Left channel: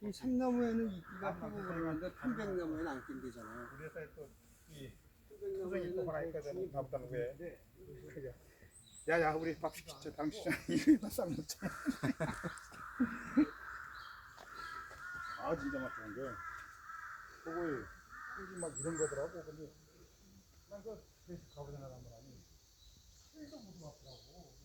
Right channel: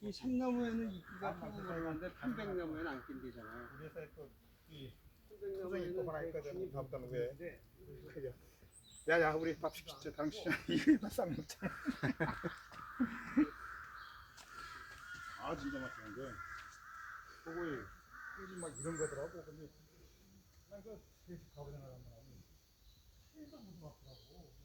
이 참나무에는 이끼가 피고 그러는데 편백나무에는 안 낀대잖아요. 그래서 또이 편백나무에는 또 하나 있거든. 중이 밥다는 왜? 붙는데 그래. 야야 우리 밥 시키자. 당신 이거 쌈 먹자. 아 진짜 맛있는데. 그거에 꿀이 막 이런 거더라고. 근데 난그 가보자 나간 건 아니. 계속 무슨 맛더라고.